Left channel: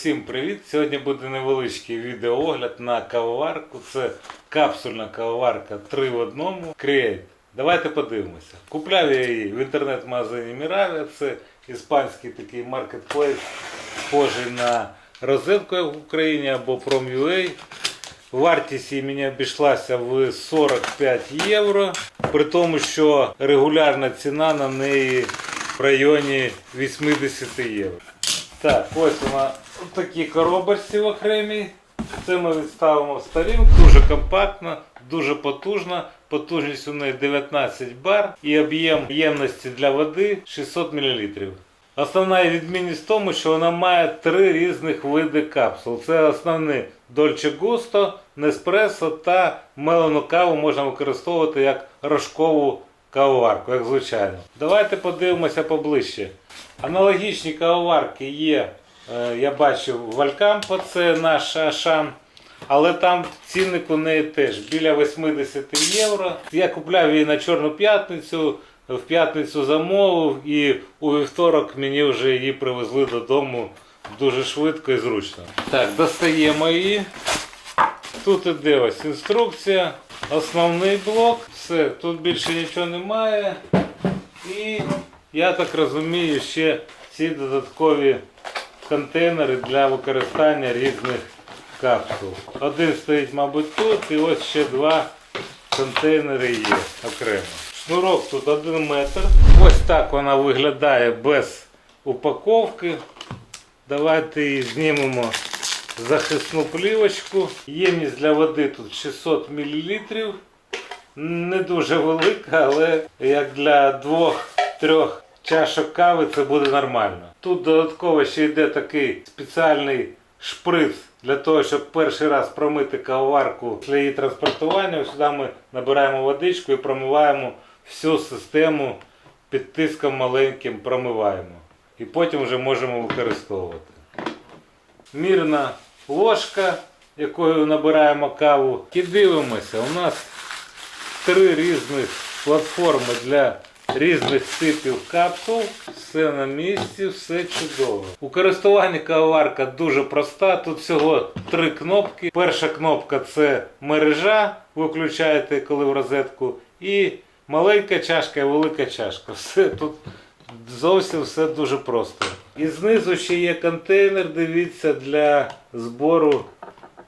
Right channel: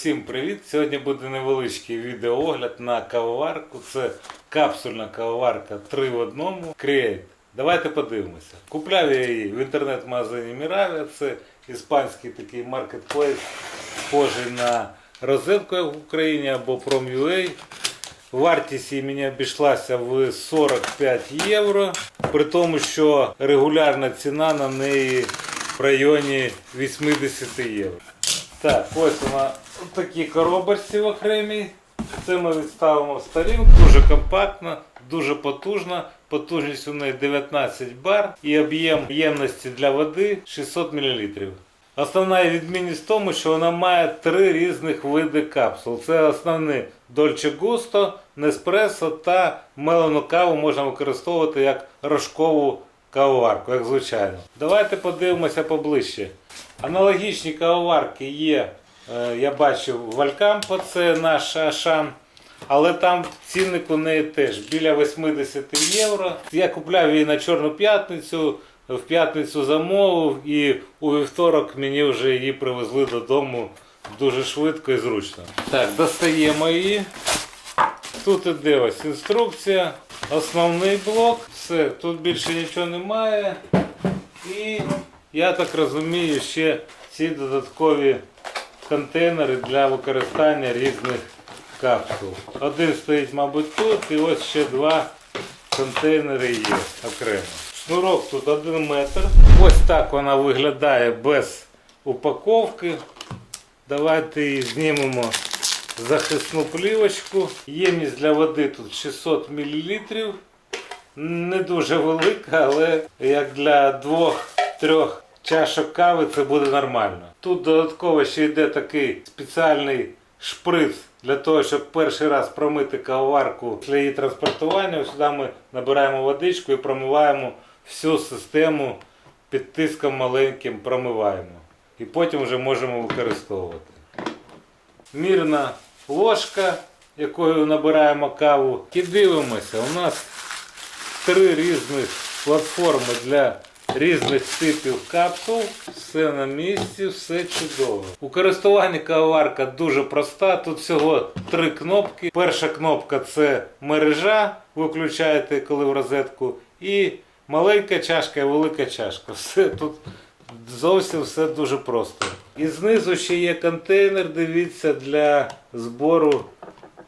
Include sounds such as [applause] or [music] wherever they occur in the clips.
Усім привіт! Сьогодні буде невеличкий відеоогляд на кавоварку. Це капсульна кавоварка 3 в одному Create. Давайте подивимося. Купляв я її в інтернет-магазині Miravia. Це іспанський такий маркетплейс, схожий на розетку в Україні або Prom.ua. Вартість її мені обійшлася в 45 євро, при тому, що регулярна ціна на неї в районі 80 євро. Так, ось вона в такій коробочці в окремій. Це ми відставимо в сторінку. Дуже компактна, дуже потужна. Потужність у неї 19 бар і об'єм ємності для води 600 мл. Основна відмінність в тому, що вона має три різних види капсул. Це основні Dolce Gusto, Nespresso та мелену каву можна використовувати як рожкову кавоварку, як звичайно. Давайте подивимося поближче. Аналогічні кавоварки є, я бачив в Алькампо, це наш Ашан. Але там цінник у неї теж біля 80 євро. Я купляв її на Чорну п'ятницю, в п'ятницю замовив і у вівторок мені вже її привезли додому дуже швидко і зручно. Так, достаємо її. Тут іде ось інструкція, основний блок, все, тут більше нічого немає. І я так розумію, ще ці додаткові контейнери для використання різних капсул. Один стоїть, мабуть, тут, і ось ще два контейнери є окремо. Шнурок тут 1 метр. Ось так вона виглядає без упаковки. Давайте її знімемо захисну плівочку. Ємність для води тут 600 мл. Не дуже велика, але як для двох-трьох чашок кави це буде нормально. Тут додатково ще йде такий спеціальний шприц для того, щоб перший раз промити кавоварку після її транспортування. Сюди ми набираємо водичку і промиваємо всю систему під тиском маленьким промиваємо. І потім вже можемо використовувати. Мірна ложка, якою набираємо каву. І дивимося, у нас три різних платформи для різних типів капсул. Все на місці, все чудово. У користуванні кавоварка дуже проста. Тут всього три кнопки. Перша кнопка це мережа. Ви включаєте, коли в розетку. І маленька чашка і велика чашка. Все тут зовсім все дуже просто. І знизу ще є контейнер, дивіться, для збору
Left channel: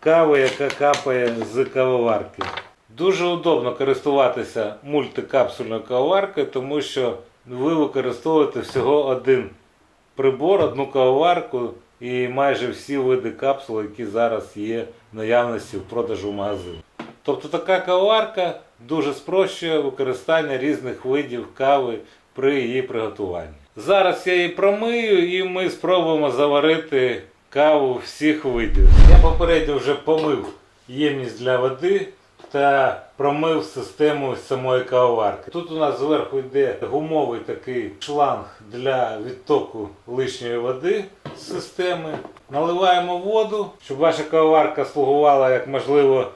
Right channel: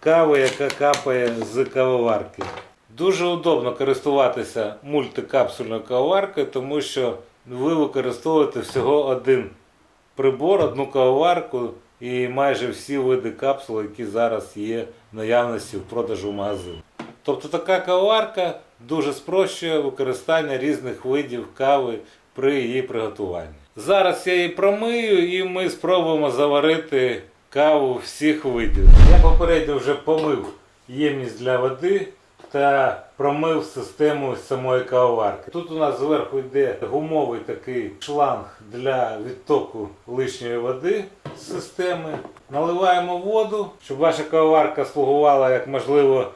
кави, яка капає з кавоварки. Дуже удобно користуватися мультикапсульною кавоваркою, тому що ви використовуєте всього один прибор, одну кавоварку і майже всі види капсул, які зараз є в наявності в продажу в магазині. Тобто така кавоварка дуже спрощує використання різних видів кави при її приготуванні. Зараз я її промию і ми спробуємо заварити каву всіх видів. Я попередньо вже помив ємність для води та промив систему самої кавоварки. Тут у нас зверху йде гумовий такий шланг для відтоку лишньої води з системи. Наливаємо воду, щоб ваша кавоварка слугувала як можливо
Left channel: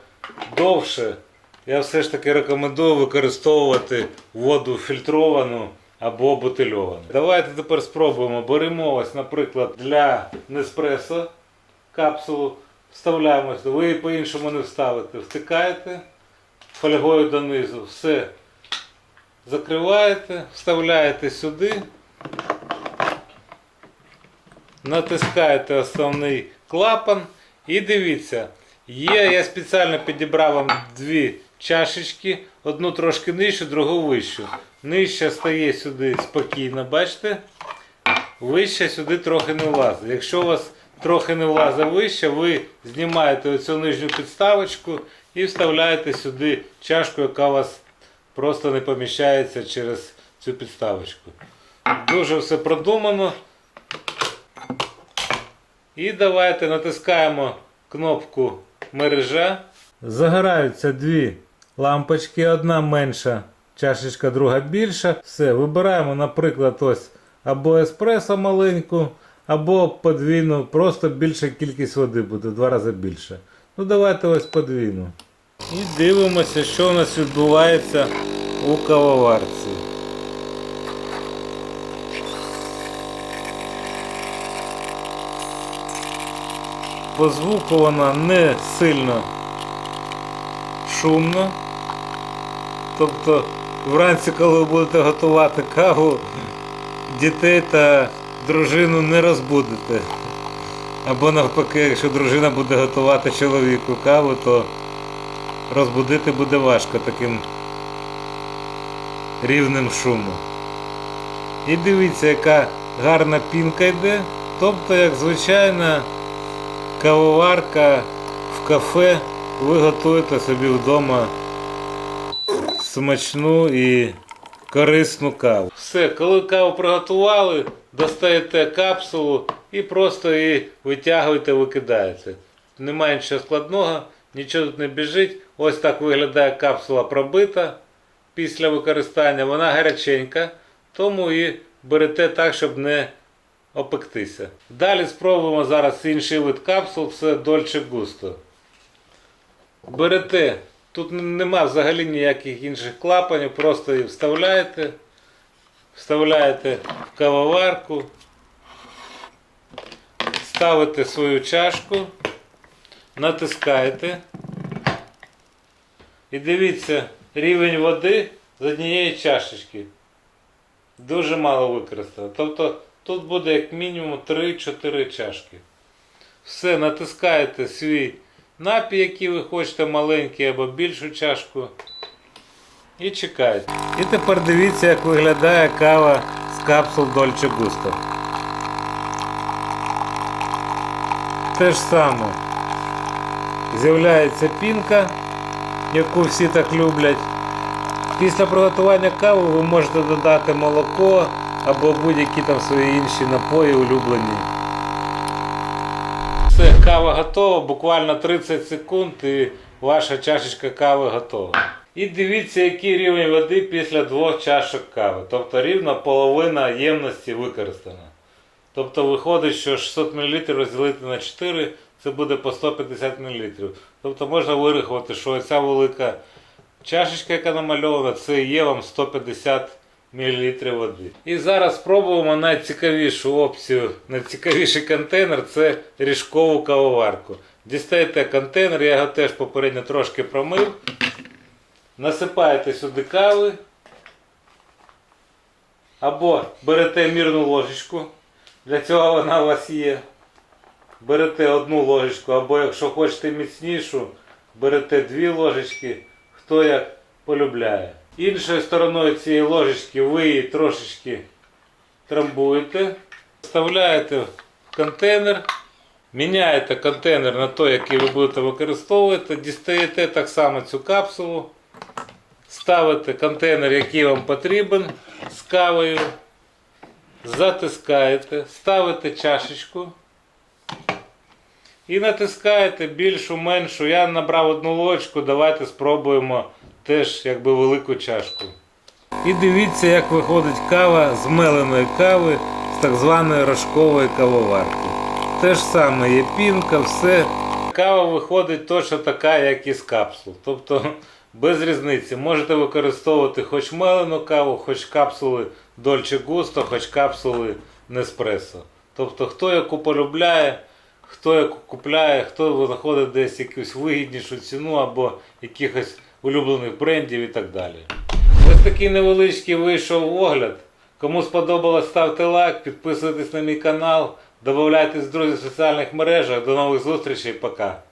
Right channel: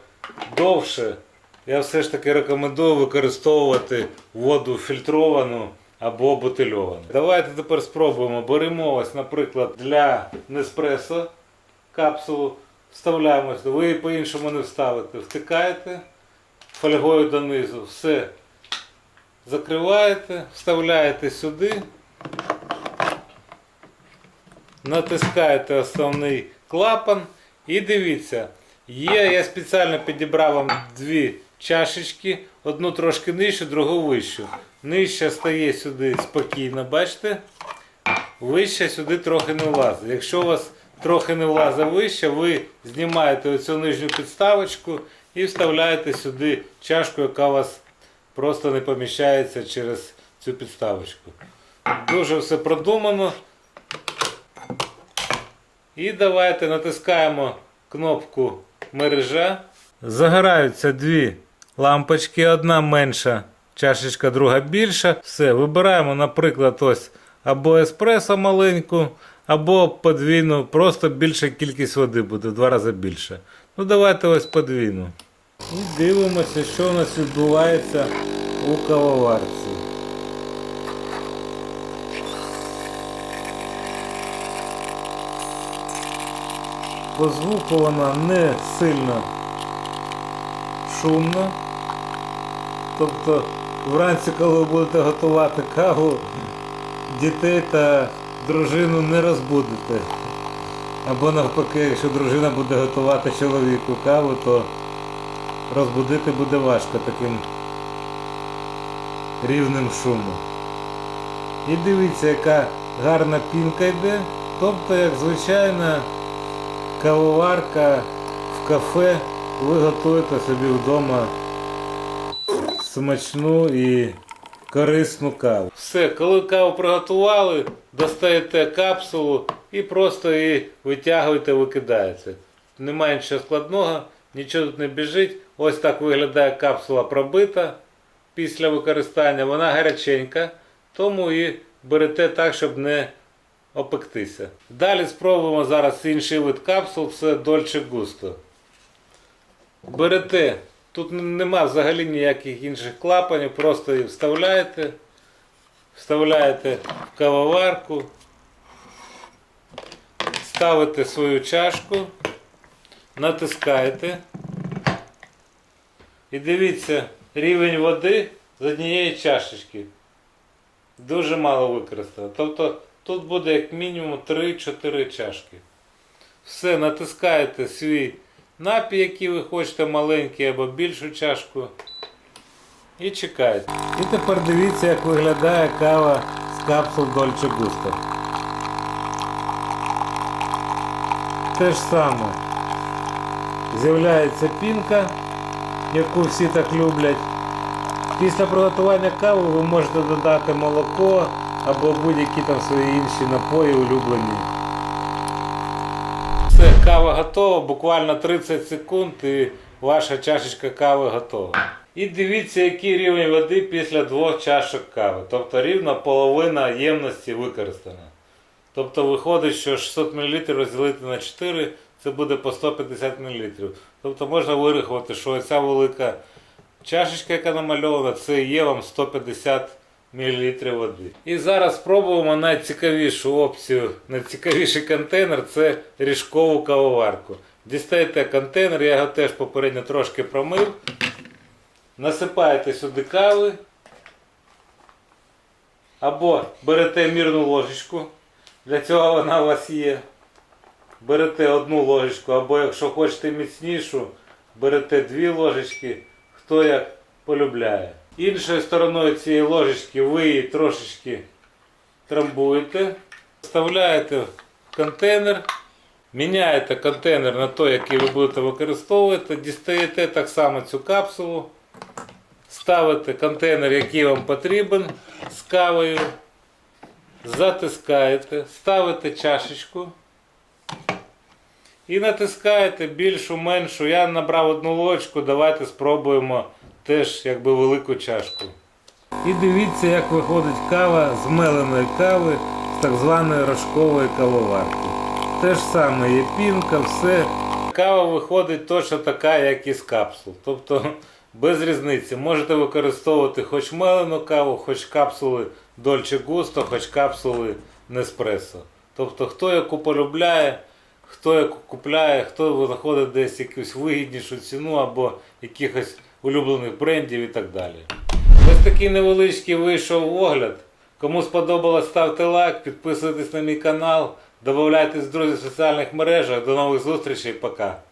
довше. Я все ж таки рекомендую використовувати воду фільтровану або бутильовану. Давайте тепер спробуємо. Беремо ось, наприклад, для Неспресо капсулу. Вставляємо. Ви її по-іншому не вставите. Втикаєте фольгою донизу. Все закриваєте, вставляєте сюди. Натискаєте основний клапан і дивіться, є, я спеціально підібрав вам дві чашечки, одну трошки нижчу, другу вищу. Нижча стає сюди спокійно, бачите? Вища сюди трохи не влазить. Якщо у вас трохи не влазить вище, ви знімаєте оцю нижню підставочку і вставляєте сюди чашку, яка у вас просто не поміщається через цю підставочку. Дуже все продумано. І давайте натискаємо кнопку мережа. Загораються дві лампочки, одна менша, чашечка, друга більша. Все, вибираємо, наприклад, ось або еспресо маленьку, або подвійну, просто більша кількість води буде, два рази більше. Ну давайте ось подвійну. І дивимося, що у нас відбувається у кавоварці. По звуку вона не сильно шумна. Тобто вранці, коли ви будете готувати каву, дітей та дружину не розбудите. Або навпаки, якщо дружина буде готувати чоловіку каву, то розбудити буде важко таким рівнем шуму. І дивіться, яка гарна пінка йде. Тобто, як звичайна кавоварка в кафе, ви готуєте собі вдома смачну і корисну каву. Все, коли каву приготували, достаєте капсулу і просто її витягуєте, викидаєте. Немає нічого складного, нічого тут не біжить. Ось так виглядає капсула пробита після використання. Вона гаряченька, тому і берете так, щоб не опектися. Далі спробуємо зараз інший вид капсул, це Dolce Gusto. Берете, тут нема взагалі ніяких інших клапанів, просто її вставляєте, вставляєте в кавоварку, ставите свою чашку, натискаєте. І дивіться, рівень води з однієї чашечки. Дуже мало використано. Тобто тут буде як мінімум 3-4 чашки. Все, натискаєте свій напій, який ви хочете, маленький або більшу чашку. І чекаєте. І тепер дивіться, як виглядає кава з капсул Dolce Gusto. Те ж саме. З'являється пінка, яку всі так люблять. Після приготування кави ви можете додати молоко або будь-які там свої інші напої улюблені. Все, кава готова, буквально 30 секунд і ваша чашечка кави готова. І дивіться, який рівень води після двох чашок кави. Тобто рівно половина ємності використана. Тобто виходить, що 600 мл розділити на 4 це буде по 150 мл. Тобто можна вирахувати, що ця велика чашечка, яка намальована, це є вам 150 мл води. І зараз спробуємо найцікавішу опцію, найцікавіший контейнер це ріжкову кавоварку. Дістаєте контейнер, я його теж попередньо трошки промив. Насипаєте сюди кави. Або берете мірну ложечку. Для цього вона у вас є. Берете одну ложечку, або якщо хочете міцнішу, берете дві ложечки, хто як полюбляє. Іншою стороною цієї ложечки ви її трошечки трамбуєте, вставляєте в контейнер, міняєте контейнер на той, який ви будете використовувати, дістаєте так само цю капсулу, ставите контейнер, який вам потрібен з кавою, затискаєте, ставите чашечку. І натискаєте більшу, меншу. Я набрав одну ложку, давайте спробуємо теж якби велику чашку. І дивіться, як виходить кава з меленої кави з так званої рожкової кавоварки. Те ж саме є пінка, все. Кава виходить точно така, як із капсул. Тобто [laughs] без різниці. Можете використовувати хоч мелену каву, хоч капсули Dolce Gusto, хоч капсули Nespresso. Тобто хто яку полюбляє, хто яку купляє, хто знаходить десь якусь вигіднішу ціну або якихось улюблених брендів і так далі. Ось такий невеличкий вийшов огляд. Кому сподобалось, ставте лайк, підписуйтесь на мій канал, додавайтесь друзі в соціальних мережах. До нових зустрічей, пока.